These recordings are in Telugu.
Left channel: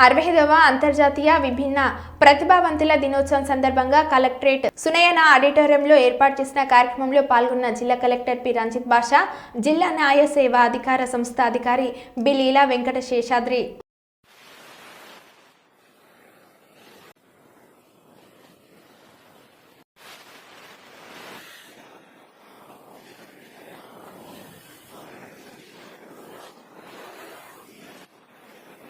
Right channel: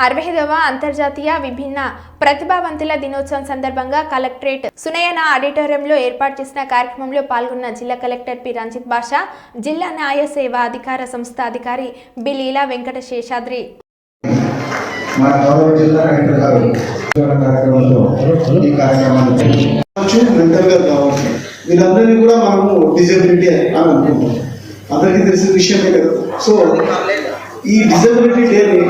65వ అంతర్జాతీయ విభిన్న ప్రతిభావంతుల దినోత్సవం సందర్భంగా కలెక్టరేట్ సునయన ఆడిటోరియంలో ఏర్పాటు చేసిన కార్యక్రమంలో పాల్గొన్న జిల్లా కలెక్టర్ పి రంజిత్ బాషా, జిల్లా న్యాయ సేవా అధికార సంస్థ అధికారి బి లీలా వెంకట శేషాద్రి. వీళ్ళందరినీ కూడా మనము డిజబిలిటీ అని అనుకుంటాం. అందరికీ తెలిసిన విషయమే కదా. సో ఈ డిజబిలిటీ డేని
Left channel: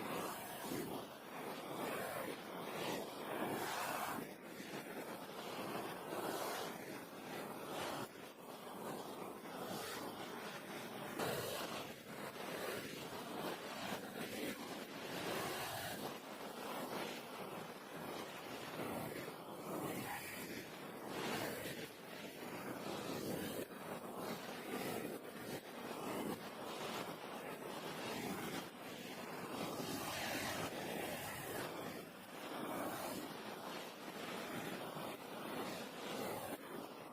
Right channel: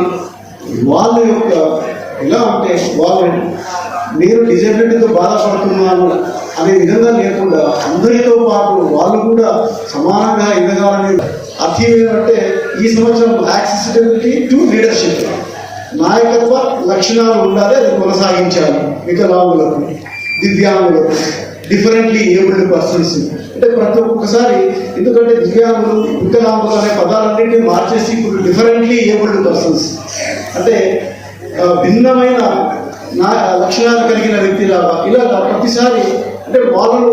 వాళ్ళ యొక్క ఎలా అంటే వాళ్ళు నేను డిజబిలిటీతో బాధపడుతున్నాను అనే విధంగా లేకుండా అందరితో పాటు వాళ్ళు కూడా సమానంగా ఎదగాలని అర్థం ఏంటంటే ఈ సంవత్సరం యాక్సెసిబిలిటీ టు లీడర్షిప్ నాయకత్వ లక్షణాలు ఉండాలి, అది కొనసాగించాలి. వికలాంగులకు, దివ్యాంగులకు, డిఫరెంట్లీ ఏబుల్డ్ పర్సన్స్ అంటే ప్రతి ఒక్కసారి, ఎందుకంటే దివ్యాంగులు వికలాంగులు అనే పదాలన్నింటినీ మార్చేసి ఇప్పుడు డిఫరెంట్లీ ఏబుల్డ్ పర్సన్స్ అంటే భిన్నమైన లక్షణాలు కలిగిన వ్యక్తిలాగా ఇలాగా ప్రతిసారి అంటే వాళ్ళకు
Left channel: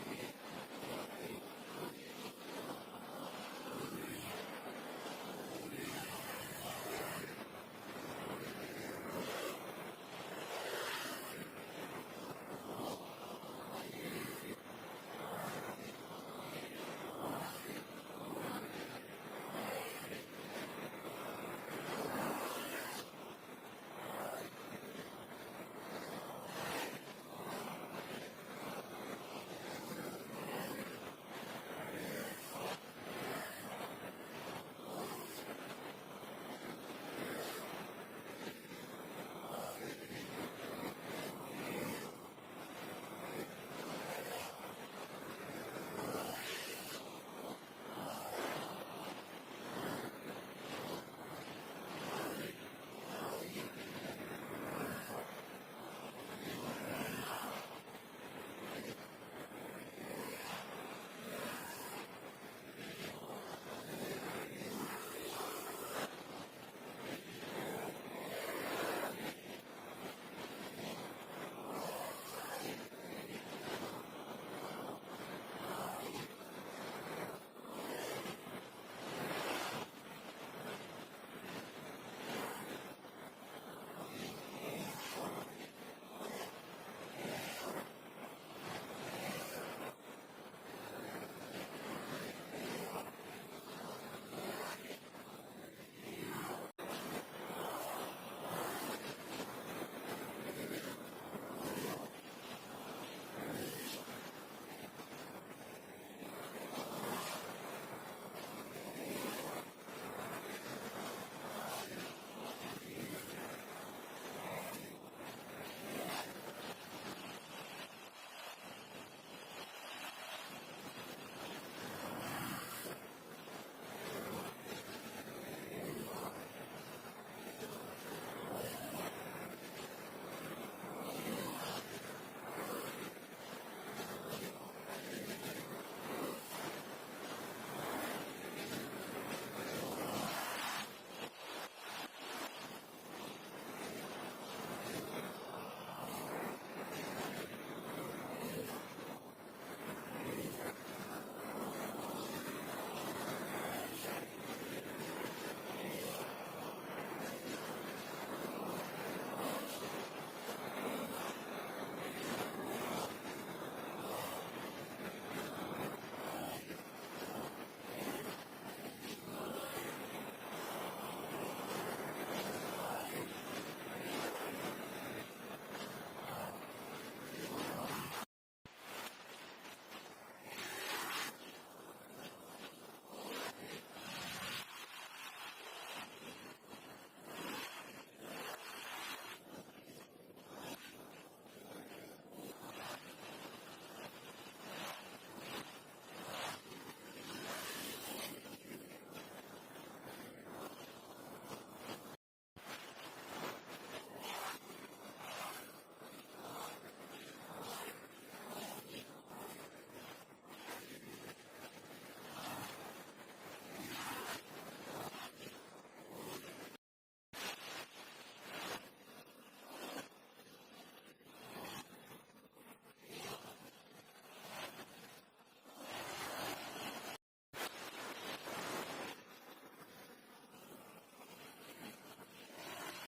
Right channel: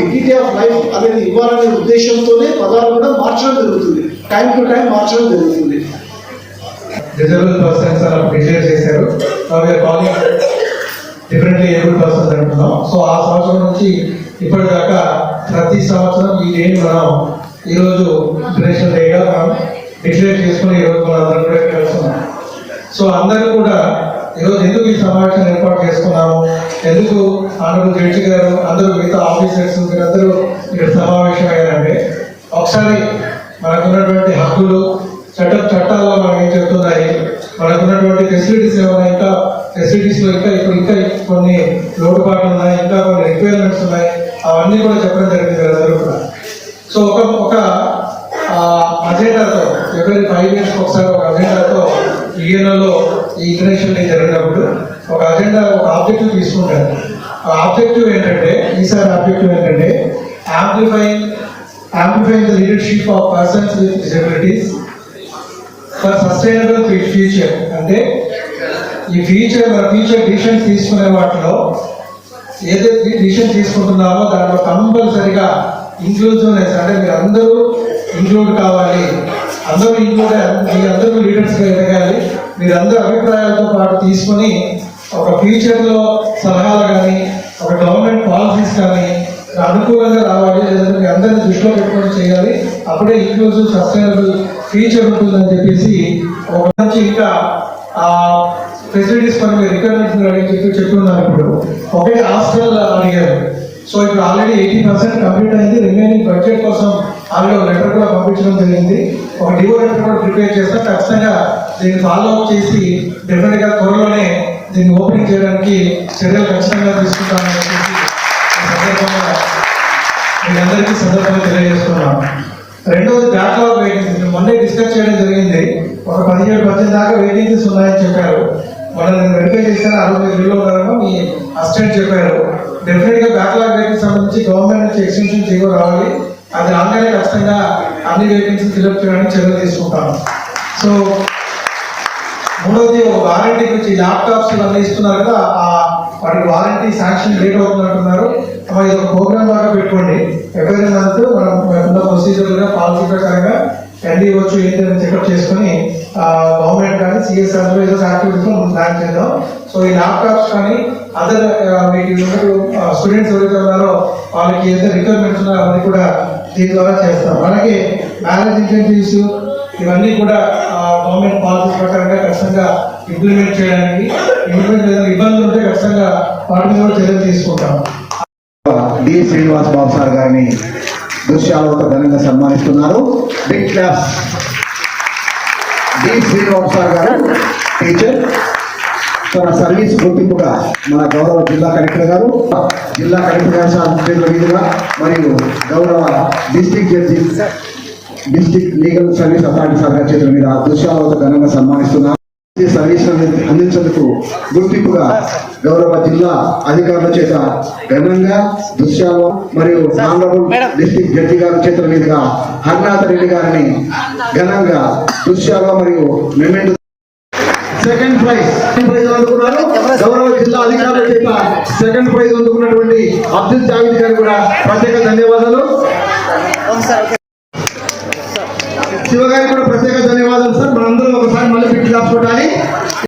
డిగ్నిటీ ఆఫ్ లైఫ్ అనేది ఇవ్వాలనే ఉద్దేశంతోనే పదాలు కూడా మార్చడం జరుగుతుంది, టైం టు టైం మార్చడం జరుగుతుంది. డిజేబుల్ పర్సన్స్ అలా డిక్లేర్ చేశారు. డిఫరెంట్లీ ఏబుల్ పర్సన్స్ అంటున్నాం. సో ఆ సంవత్సరం నుంచి ఇప్పటిదాకా ప్రతి సంవత్సరం ఈ డేని మనం ఈరోజు ఇంటర్నేషనల్ డేగా మనం డిక్లేర్ చేసుకుని ఈరోజు మనం అందరం కూడా కలుస్తున్నాం. సో అందరూ కూడా ఈరోజు ఎందుకు ఈ సమావేశం ఏర్పాటు చేసుకున్నాము, ఎందుకు ఆనరబుల్ జడ్జి గారు అందరూ మిగతా ఆఫీసర్స్ మీరందరూ ఇక్కడ సమావేశం అయ్యారంటే, ఒకసారి మనకున్నటువంటి హక్కులు చట్టాల్లో మనం ఏం చెప్తున్నాయి, మనకున్నటువంటి ఫెసిలిటీస్ ఏమైనా ఇంకా ఫెసిలిటీస్లో ఇంకా కొన్ని లోటుపాట్లు ఉన్నాయి, ఇంకా కొన్ని రిక్వైర్మెంట్స్ ఉన్నాయి, అవన్నీ కూడా చెప్పడం జరిగింది అందరూ కూడా. సో ఒక అజెండాతో ఎవరి 5 years ఒకసారి ఒక అజెండాతో యూఎన్ఓలో ఈ ఇంటర్నేషనల్ డే జరిగినప్పుడు ఒక అజెండా, ఒక ఆబ్జెక్టివ్ తీసుకుంటారు. ఆ ఆబ్జెక్టివ్ ఏంటంటే, ఈసారి ఆబ్జెక్టివ్ ఏంటంటే amplifying the leadership of persons with disabilities for sustainable future. అంటే ఈ మన ఫ్యూచర్ డిసిషన్స్ తీసుకునే వాటిలో ఏదైతే డిసిషన్ తీసుకుంటున్నామో దాంట్లో కంపల్సరిగా ఇంక్లూజివ్నెస్ అంటే మీరు అందరూ ఇంక్లూడ్ కావాలి, అందరూ లీడర్స్గా ఎదగాలి, మీరందరూ అభిప్రాయాలతో పాటు తీసుకొని ఒక ఫ్యూచర్లో సలహాలు కానీ ఒక గవర్నమెంట్ పాలసీస్ కానీ అనుకూలంగా రావాలి, లేదంటే మీ అందరినీ దృష్టిలో పెట్టుకొని చేయాలి, అప్పుడే ఇంక్లూజివ్ సస్టైనబుల్ ఫ్యూచర్ ఉంటుందని చెప్పేసి ఒక నుంచి ఇంకా ఫెసిలిటీస్ పని రిక్వైర్మెంట్స్ అడిగి చెప్తున్నారు. ఇప్పుడు ఒకే హాస్టల్ అడిగారు. సో ఇప్పుడు ఆల్రెడీ 80% కంప్లీట్ అయింది. రిమైనింగ్ బడ్జెట్ కోసం ఆల్రెడీ ఒక లెటర్ కూడా పంపించడం జరిగింది. ఒక డివో లెటర్ కూడా ప్రిపేర్ చేస్తాం. ఖచ్చితంగా దీన్ని ఫాలో అప్ చేసి డెఫినెట్గా త్వరలోనే దీన్ని ఓపెనింగ్ చేయడానికి చర్యలు ఖచ్చితంగా తీసుకుంటామని చెప్పేసి మీరందరికీ సందర్భంగా తెలియజేస్తున్నాం. రెండవది బ్యాక్లాగ్ వేకెన్సీ మొన్నే డిస్కస్ చేయడం జరిగింది. ఒక 17-18 దాకా వేకెన్సీస్ ఉన్నాయని చెప్పారు. మనం వెరిఫై చేశాను, 65,000 ఉన్నారని మీ అసిస్టెంట్ చెప్పారు. డెఫినెట్గా బ్యాక్లాగ్ వేకెన్సీ సంబంధించి గవర్నమెంట్ నుంచి ఎక్స్టెన్షన్ జీవో రావాలి. అది రాగానే ఖచ్చితంగా అన్ని వేకెన్సీ ఫిల్అప్ చేయడానికి చర్యలు తీసుకుంటాం. సో మూడవది ఒక వారంటీ గురించి, ల్యాప్టాప్స్ ఇవన్నీ ఇస్తున్నారు కదా, వాటికి వారంటీ శాంక్షన్ లేట్ అవుతుంది అంటున్నారు. ఇది ఒక ప్రోగ్రామ్ లాగా పెట్టుకోండి. ఎవరి మంత్ మనం ఉన్న ప్రొసీజర్గా పాలసీ ప్రకారంగా ఎన్డీ వచ్చు ఏంటని చెకప్ చేసుకుని గవర్నమెంట్ కానీ సిఎస్ఆర్ ఏదో యాక్టివిటీస్ ప్లాన్ చేద్దాం. సో ఈ ల్యాప్టాప్స్ కానీ అదర్ మీకు స్టూడెంట్స్ ఎవరైతే ఉన్నారో వాళ్ళకి ఏదైతే రిక్వైర్మెంట్స్ ఉన్నారో అవన్నీ కూడా దీని ద్వారా చేస్తాం. అలాగే మ్యారేజ్ ఇన్సెంటివ్స్ ఇవన్నీ కూడా గవర్నమెంట్ పాలసీ ప్రకారంగా ఖచ్చితంగా ఇంప్లిమెంట్ చేయడానికి ఇబ్బందులు ఉంటే ఖచ్చితంగా వాటి మీద కూడా చర్యలు తీసుకుంటాం. డి శ్రీనివాస్ బాబు సార్ గారిని దృశ్యాలతో ఘనంగా సన్మానిస్తున్నారు. Big class. D Srinivas sir గారు టీచర్, తన సర్వీస్ గుర్తింపుగా మన గౌరవ జిల్లా కలెక్టర్ గారు చేతుల మీదుగా మరియు గౌరవ district legal service authority sir గారి చేతుల మీద దృశ్యాలతో ఘనంగా సన్మానిస్తున్నారు. సర్వీస్ అందించేందుకు గుర్తింపుగా గౌరవ జిల్లా అధికారుల చేత ఘనంగా దృశ్యాలు మరియు ఆనరబుల్ డిస్ట్రిక్ట్ జడ్జి గారి చేతుల మీదుగా హర్నాథ రెడ్డి గారిని ఘనంగా దృశ్యాలు మరియు మెమెంటో సెకండ్ ప్రైజ్ అందుకున్నారు. గౌరవ జిల్లా అధికారుల చేత సెకండ్ ప్రైజ్ అందుకున్నటువంటి అబ్దుల్ జావేద్ గారు కూడా ప్రత్యేక ధన్యవాదాలు. శివగారికి కూడా ప్రత్యేక ధన్యవాదాలు సార్. మనందరం ఒకసారి మళ్ళీ పెట్టి దాచుకోవడానికి